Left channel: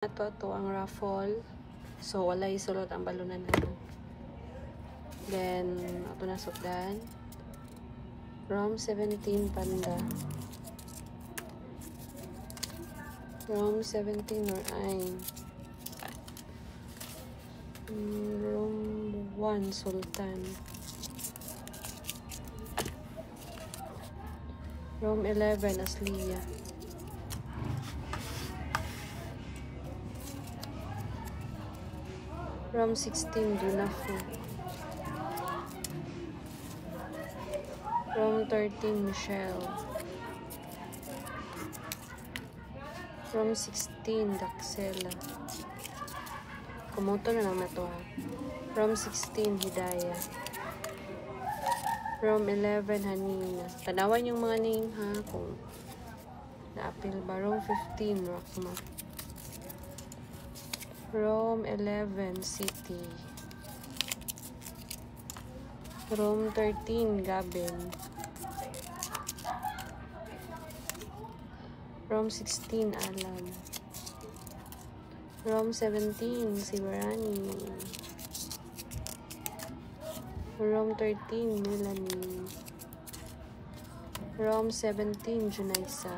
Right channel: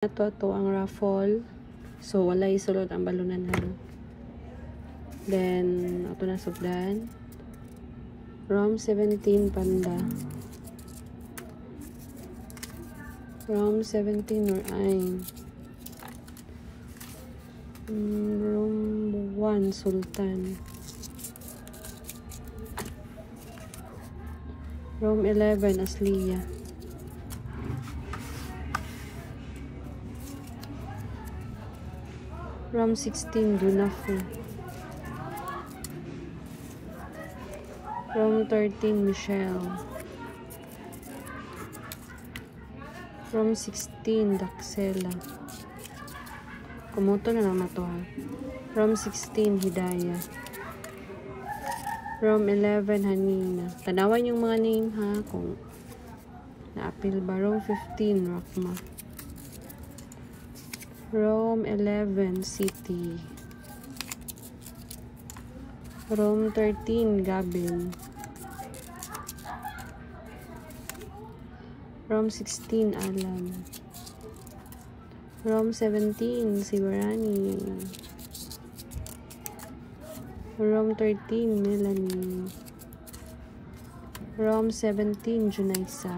Ito ang raffle. So, wala isulod ang balunan na. Then, ito na sugdan. Rom 17 panda. Rom 17 or ain. Rom 1 sultan. Rom 11 asliya. Rom 16 Dunafu. Rom 13 Michelle. Rom 16 Daxela. Kumuto na lang na to ha. Rom 16 Hidayah. Rom 11 Hanina. Tanawan yung mga name ha kung na-appeal ba. Rom 15 Rakma. Rom 11 City. Rom 13 Gabin. Rom 16 Alam. Rom 17 Siwarani. Rom 13 Melanie. Rom 17 Junaisa.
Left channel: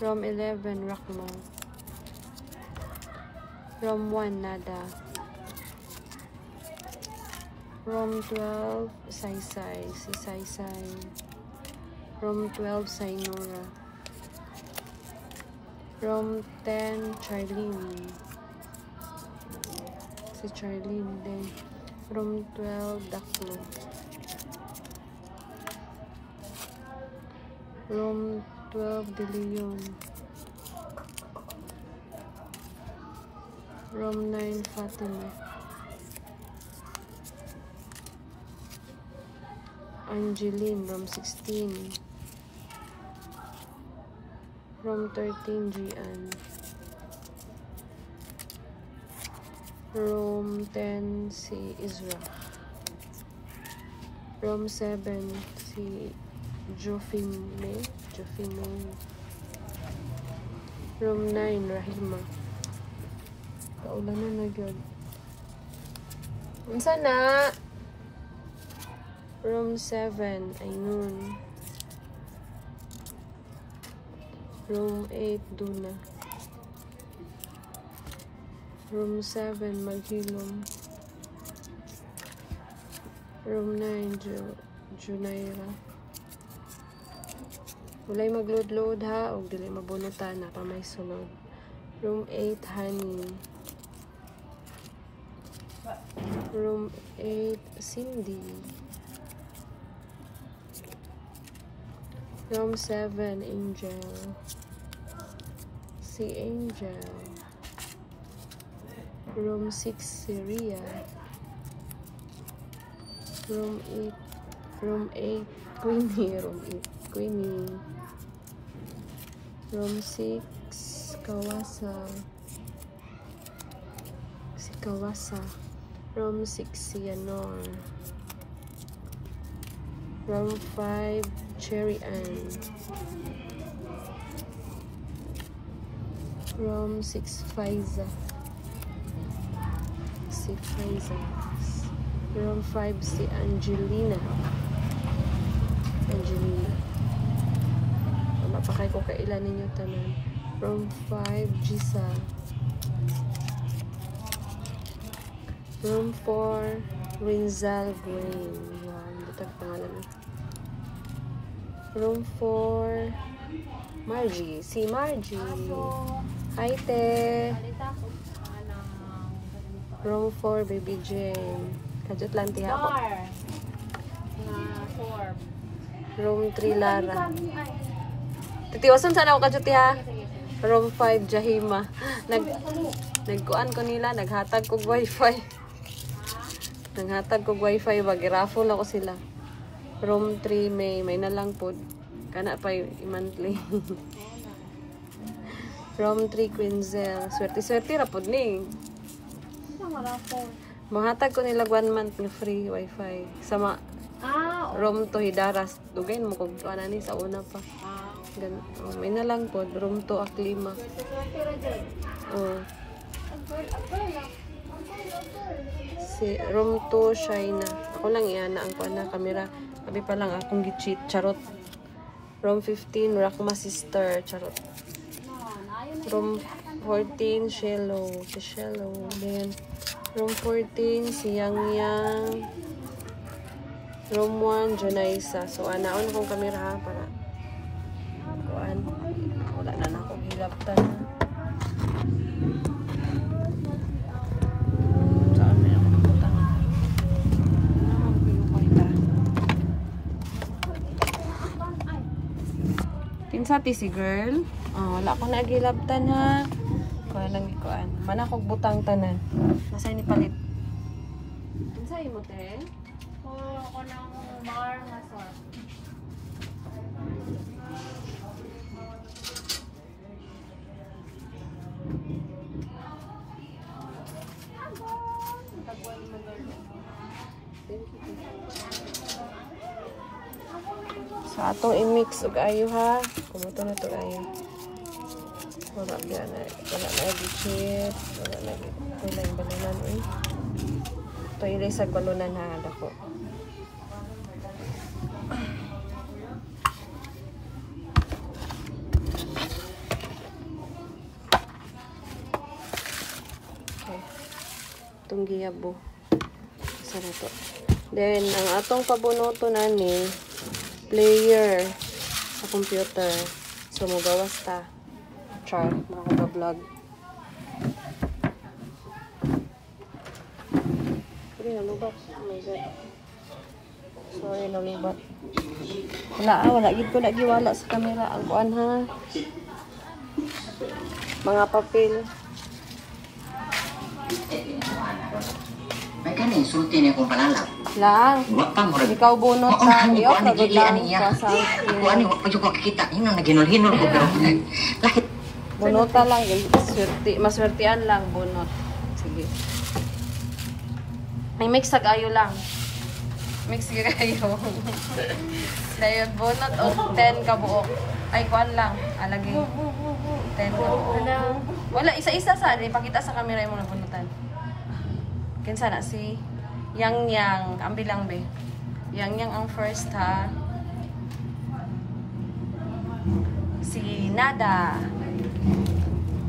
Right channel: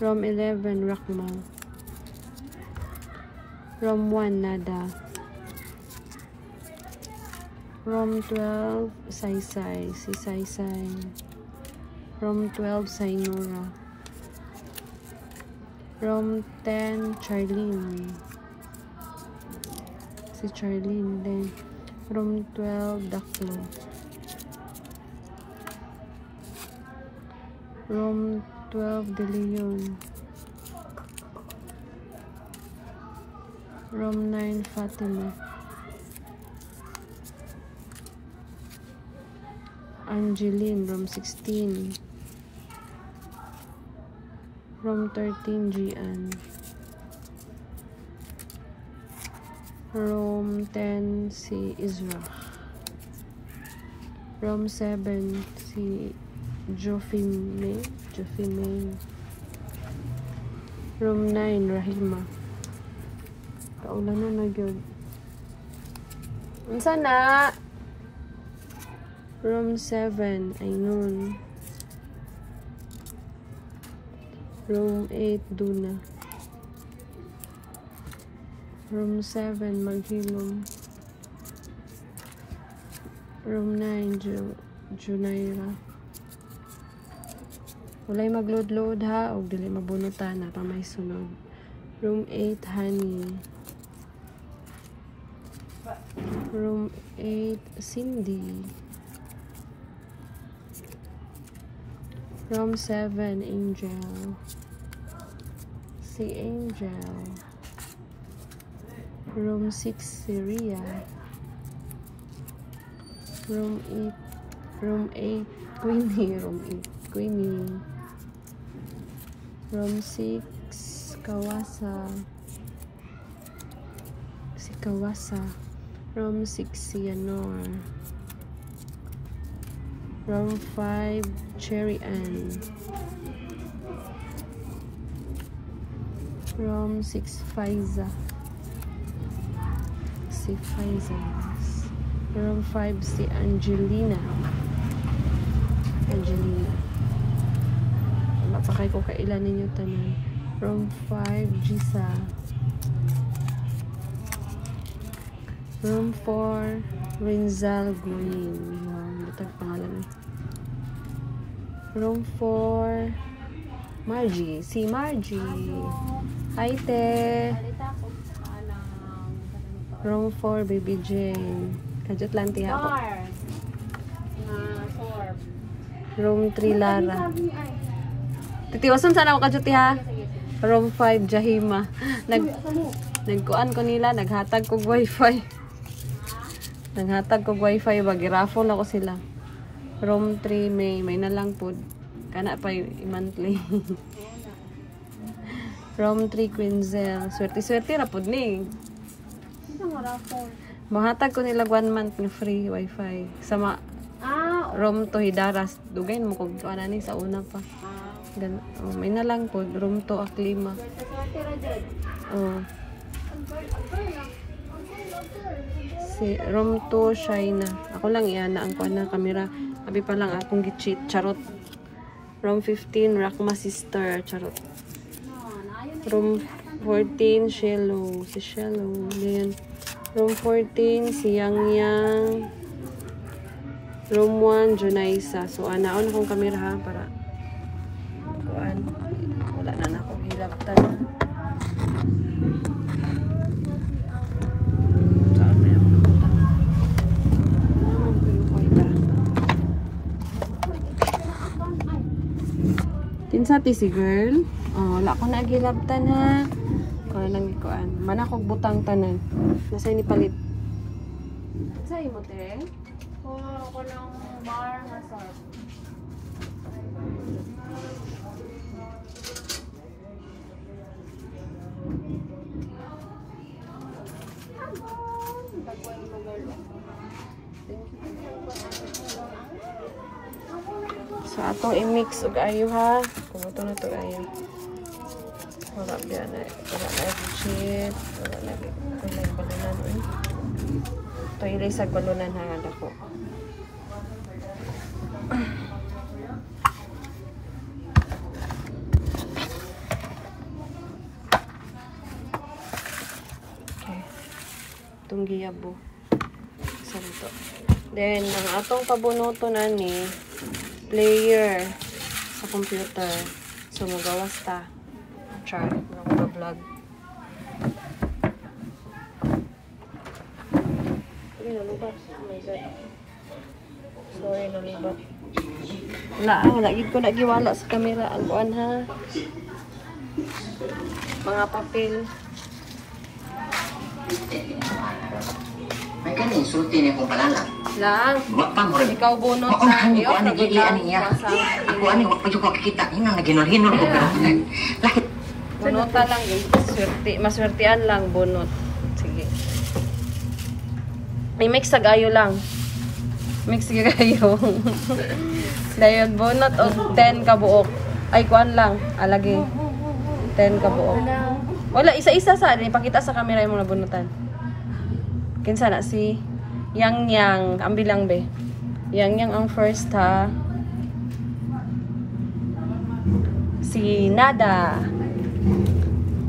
Rom 11 Rakma. Rom 1 Nada. Rom 12 Saysay. Si Saysay. Rom 12 Sainora. Rom 10 Charlene. Si Charlene din. Rom 12 Daklo. Rom 12 De Leon. Rom 9 Fatima. Angeline, Rom 16. Rom 13 Gian. Rom 10 si Isra. Rom 7 si Jofime. Rom 9 Rahima. Kaulan na nagyod. Unsa na? Rom 7 Ainun. Rom 8 Duna. Rom 7 Maghilom. Rom 9 Junaira. Walay magload-load ha o dili mabunutan na pa may sunod. Room 8 Honey. Room 8 Cindy. Room 7 Angel. Si Angel. Room 6 Syria. Room 8 Queenie. Room 8 Queenie. Room 6 Kawasa. Si Kawasa. Room 6 Yanor. Room 5 Cherry Ann. Room 6 Faiza. Si Faiza. Room 5 si Angelina. Napakay ko kailan ninyo tanan. Room 5 Gisa. Room 4 Rinzal Green. Ito pangalan. Room 4 Margie. Si Margie. Hi te. Room 4 Baby Jane. Kajut lang tiya ako. Room 3 Lara. Titiwasan sana ako kajut tiya. Room 5 Jahima. Nagkuan ko nila. Naghatag kog wifi. Naghatag kog wifi. Bagiraffle ako sila. Room 3 may na lang po. Kana pa yung monthly. Room 3 Quinzel. Swerte-swerte rapod ni. Mahatag ko nila 1 month na free wifi. Sama room to Hidaras. Dugayin mo kung ano ni sa una pa. Oh, may na lang po. Room 2 Aklima. Oh. Si room 2 China. Ako lang iyan na ang kuan camera. Abi pa lang akong gi-cheat. Charot. Room 15 Rakma Sister. Charot. Room 14 Shello. Si Shello. Then room 14 si Yang Yang. Room 1 Junaisa. So anaon akong camera ha para kuan. Wala na ako hilaptan na. Kinsa ti si girl? Oh, wala ko nagilabtan ha. Kuan lang ikuan. Mana kog butang tanan. Nasa ni palit. Kinsa ibote? Wala ko ng bar masarap. So atong i-mix og ayo ha. Kumuto na to ayo. Wala biya na. Wala na i-cheat. Wala na i-balunan. Ito ilay sa balunan ha. Dako. Okay. Itong giyabo. Isa na to. Then, ang atong pabunuto na ni player sa computer. So, magawas ta. Char, mga vlog. Sorry, nalubat. Oh my God. Sorry, nalubat. Wala gid ko nagiwala sa camera. Ang buwan ha. Mga papel. May kani insulti ni kong palala. Lang. Ikaw bunot sa iyo. Nagudang kwasa. Ako ano, pag ko kikita, yun ang naginor-hinor ko. Bunota lang. Maswertian lang bunot. Sige. I-mix sa gayo lang. Mix sa gayo. Dayon bunot o 10 kabuok. Ay, kuan lang. Alagi. 10 kabuok. Wala, isa-isa sa. Ipakita sa camera yung mga bunutan. Kinsa na si Yang Yang. Ang bilang be. Yang Yang ang first ha. Si Nada.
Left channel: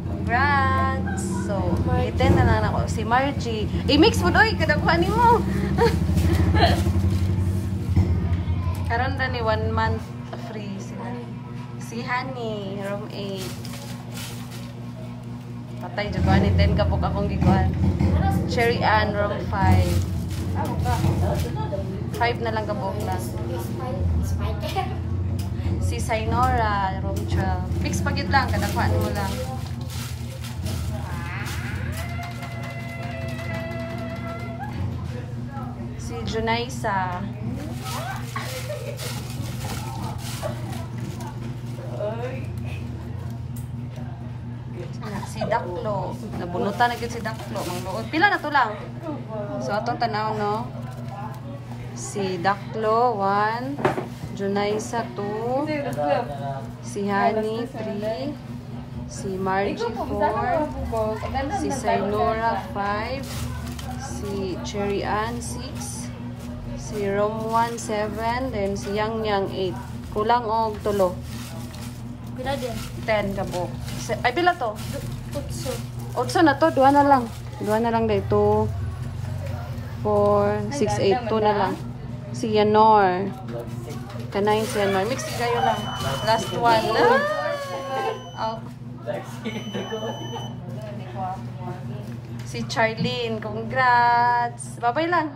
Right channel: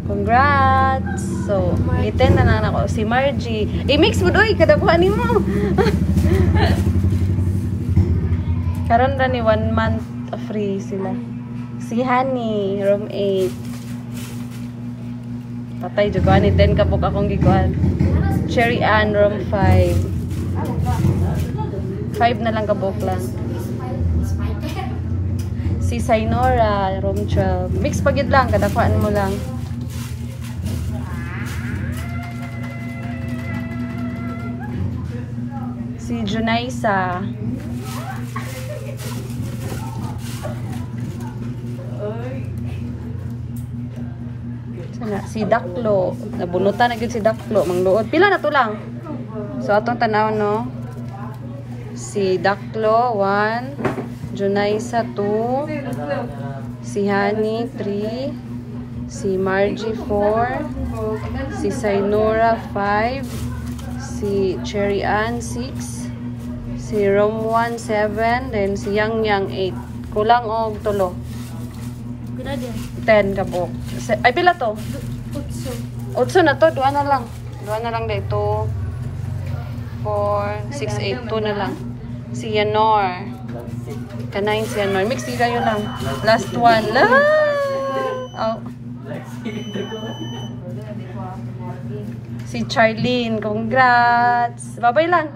Congrats! So, iten na lang ako. Si Margie. I-mix mo doy! Kadakuhanin mo! Karon na ni 1 month free sila. Si Honey, room 8. Patay, juguan ni 10 kapok akong gikuhan. Cherry Ann, room 5. 5 na lang kabok lang. Si Sainora, room 12. Mix pag yun lang, kadakuan mo lang. Si Junaisa. Si Daklo. Nabunutan na yun si Daklo. Mangluod. Pila na to lang. So, atong tanaw, no? Si Daklo, 1. Junaisa, 2. Si Honey, 3. Si Margie, 4. Si Sainora, 5. Si Cherry Ann, 6. Si Rom 1, 7. Then si Yang Yang, 8. Kulang og tulo. 10 kabok. Ay, pila to? 8 na to. 2 na lang. 2 na lang dito. 4, 6, 8. 2 na lang. Si Yanor. Kanayin si Yanor. Mix kayo lang. Last one. Oh. Si Charlene. Congrats. Babay lang.